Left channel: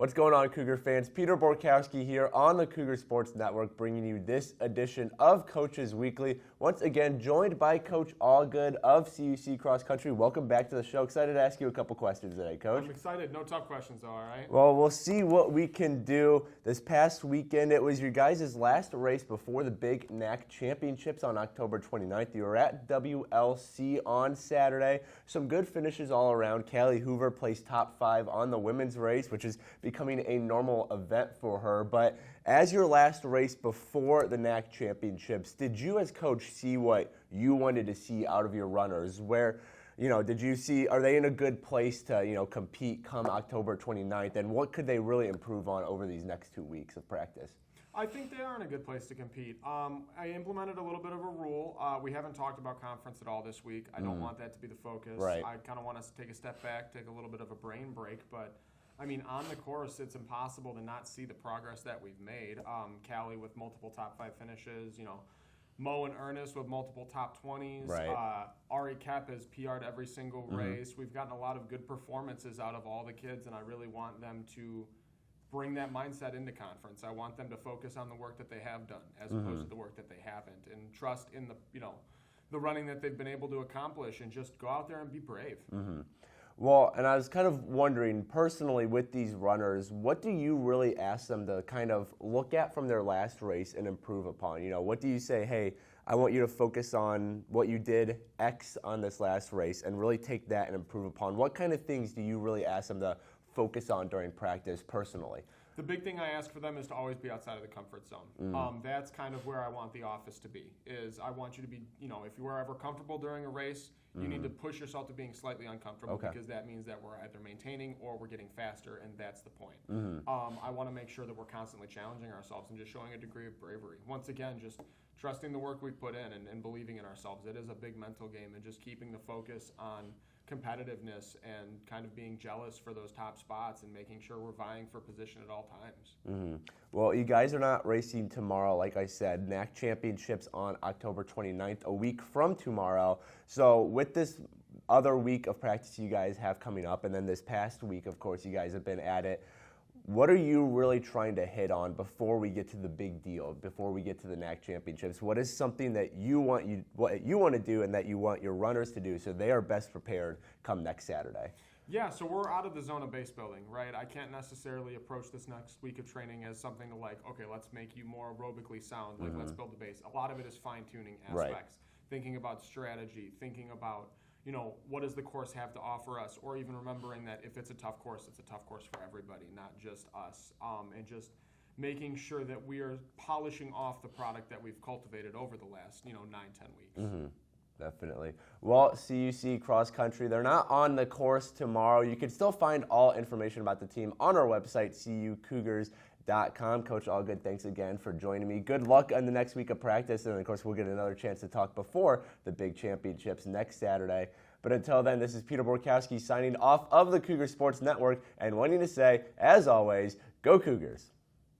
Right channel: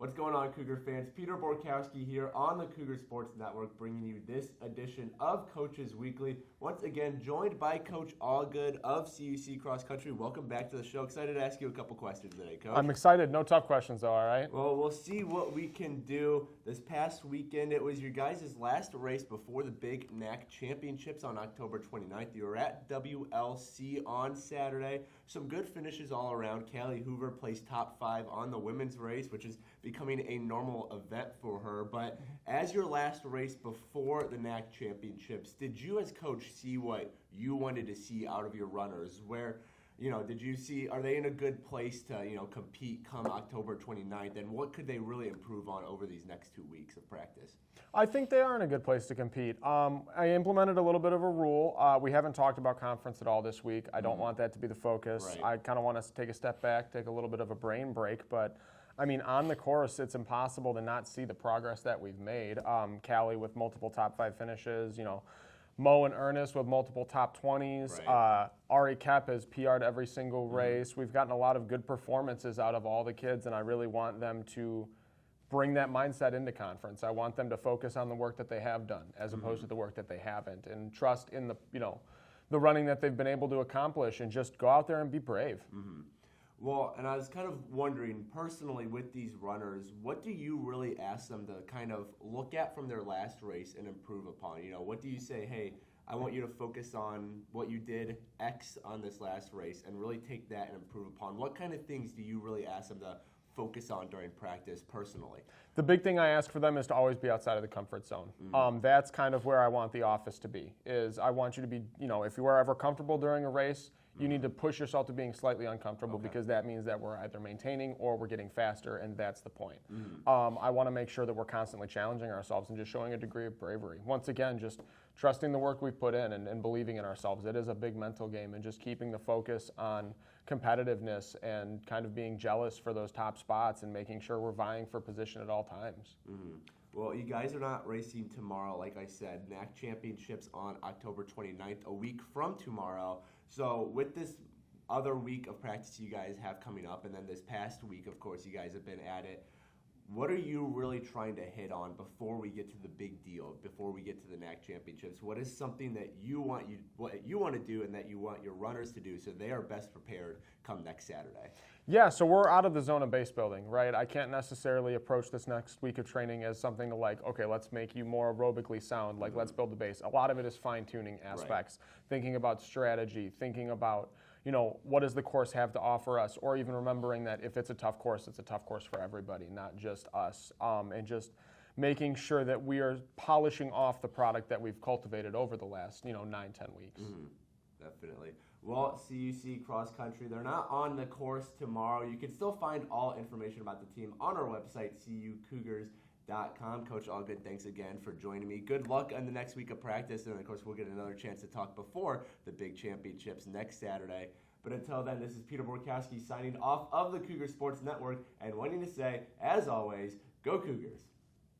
What's going on, Cougar fans? Peter Borkowski here on the Cougar Sports Network, bringing you this edition of Coaches Weekly. Once again, joined by Coach Allgood of CUC Cross Country. Welcome back to the show. Excited to ask you a couple questions today, Coach. I'm excited. No tough questions, though, all right? Well, we'll see what we can do. This past weekend, it was your guys' last race before the big NAC Championships on October 29th. You were at WLC on Saturday. Some good finishes all around. Callie Hoover placed top 5 on the women's race, which is becoming a normal event for her. But as your last race before the NAC Championships, did you as coach see what you wanted to see out of your runners? Where, did you see, are they in a good place to, compete come October 29th? And what could they really improve on over these next 2 weeks of practice? I think they are in a good place to compete. I implemented a little bit of a rule. We haven't talked about conference at all this week. I don't want that to be the focus. Right. I kind of want us to take a step back, take a little bit of a brain break. But, on the course, it's impossible to not see the progress that we've made. Callie with multiple top 5 finishes, Mo and Ernest with multiple top 20s. Right. Ari Kep has PR'd every single race. We've gotten a lot of good performances out of all the kids, and I really want them to bring that mindset into conference. I want them to focus on the work that they have done as opposed to the work that they haven't, and trust in the running that they've been able to accomplish, and just go out there and be brave. Well, and I was kind of wondering, personally, with these runners, what do you really ask them to kind of look at from their last race and improve upon? What do you say, hey, I want you to focus on what you did X on this last race and really take that and improve upon? What kind of things do you really ask them to focus on during practice personally? The big thing I ask for them is to always be outside of the comfort zone. That's kind of where I want the office to be, is I want you to be, if you are ever comfortable during a race, you need to push yourself to being slightly uncomfortable, because that means that we're either maintaining or we're getting faster, and that's the point. I want to make sure that we're constantly challenging ourselves and just showing a degree of bravery. Once again, just trusting the work we've put in and believing in ourselves. It is a big mental game, and just keeping the focus on competitiveness and kind of being jealous for those top spots and making sure we're vying for position at all times. Well, you guys are not racing tomorrow, like I said. NAC Championships on October 29th, a week from tomorrow. So with this other week of practice you guys have coming up, and then this past week, of course, you guys have been at it, what are you really trying to hit on before we get to the big deal, before we get to the NAC Championships? What is something that what you want to do and that you want your runners to do so they are best prepared come next Saturday? Yeah, so we're out of the zone of base building, right? I can't necessarily approach this next week of training as something to okay, let's make you more aerobically sound, let's build the base. A lot of it is fine-tuning aspects, thinking about strategy, thinking about, what does the course have to offer us, or even remembering that if it's a tough course, it's a tough course for everybody, not just us, and just making sure that we are polishing off the product that we've cultivated over the last, 9-10 weeks. Definitely. Well, CUC Cross Country, they're not on the course tomorrow. You can still find all information about the team on our website, cucougars.com. Coach Allgood, thanks again for joining me. Good luck on the next week of practice, and of course we'll get another chance to talk before the big championships next Saturday. But until then, this is Peter Borkowski signing off of the Cougar Sports Network and wanting to say, as always, go Cougars.